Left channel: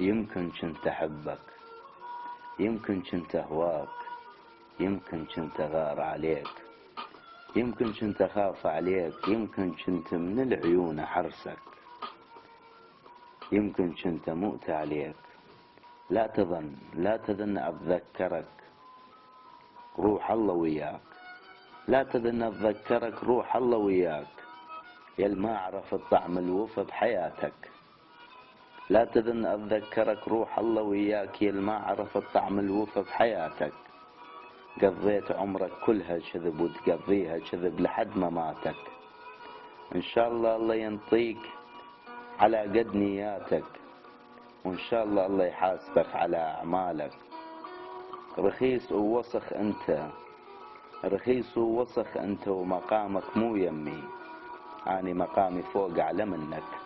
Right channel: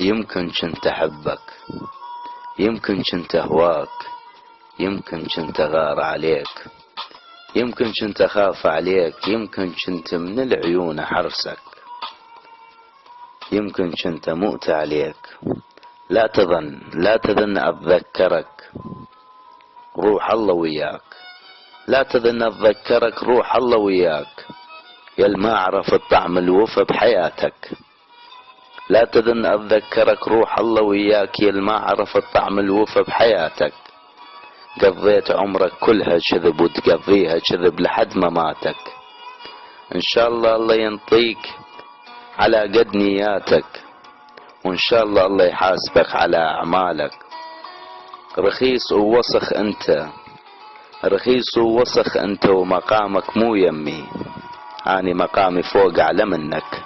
يمكن كنت أحبك، يمكن كنت أهواك، يمكن كنت أغار عليك، يمكن كنت أخاف عليك، يمكن كنت من العيون أحرسك، يمكن كنت أموت عليك. لا تظن لا تظن أتذكرك، روح الله وياك. لا تظن أتذكرك، روح الله وياك، يا ما عرفت طعم الوفا بحياتك. لا تظن أتذكرك، روح الله وياك، يا ما عرفت طعم الوفا بحياتك. قضيت عمرك كلها كذب وتقضيها كذب لحد مماتك. إن شاء الله الله ينطيك على قد نياتك، وإن شاء الله الله يحاسبك على أعمالك. رخيص ووسخ أنت، رخيص ووسخ أنت، ومقامك مو يمي، أنا مقامي فوق أعلى منك.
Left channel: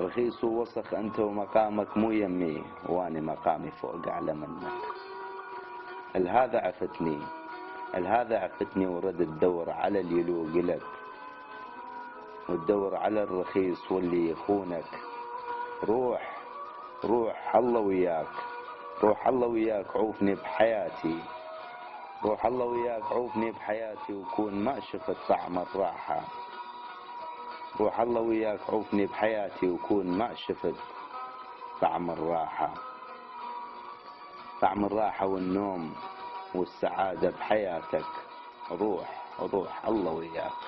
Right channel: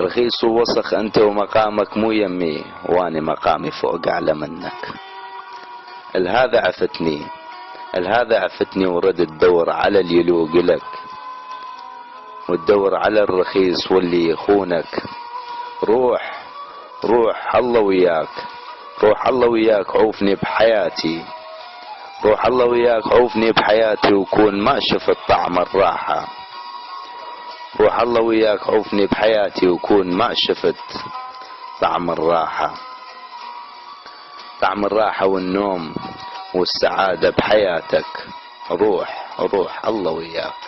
رخيص ووسخ أنت ومقامك مو يمي، وأنا مقامي فوق أعلى منك. الهذا عفتني، الهذا عفتني، ورد تدور على اللي يلوق لك، وتدور على الرخيص واللي يخونك. روح روح الله وياك، روح الله وياك، عوفني بحياتي، روح الله وياك، عوفني بحياتي، وكون ما شفت طعم الراحة. روح الله وياك، عوفني بحياتي، وكون ما شفت طعم الراحة. طعم الراحة والنوم والسعادة بحياتك. روح روح الله وياك.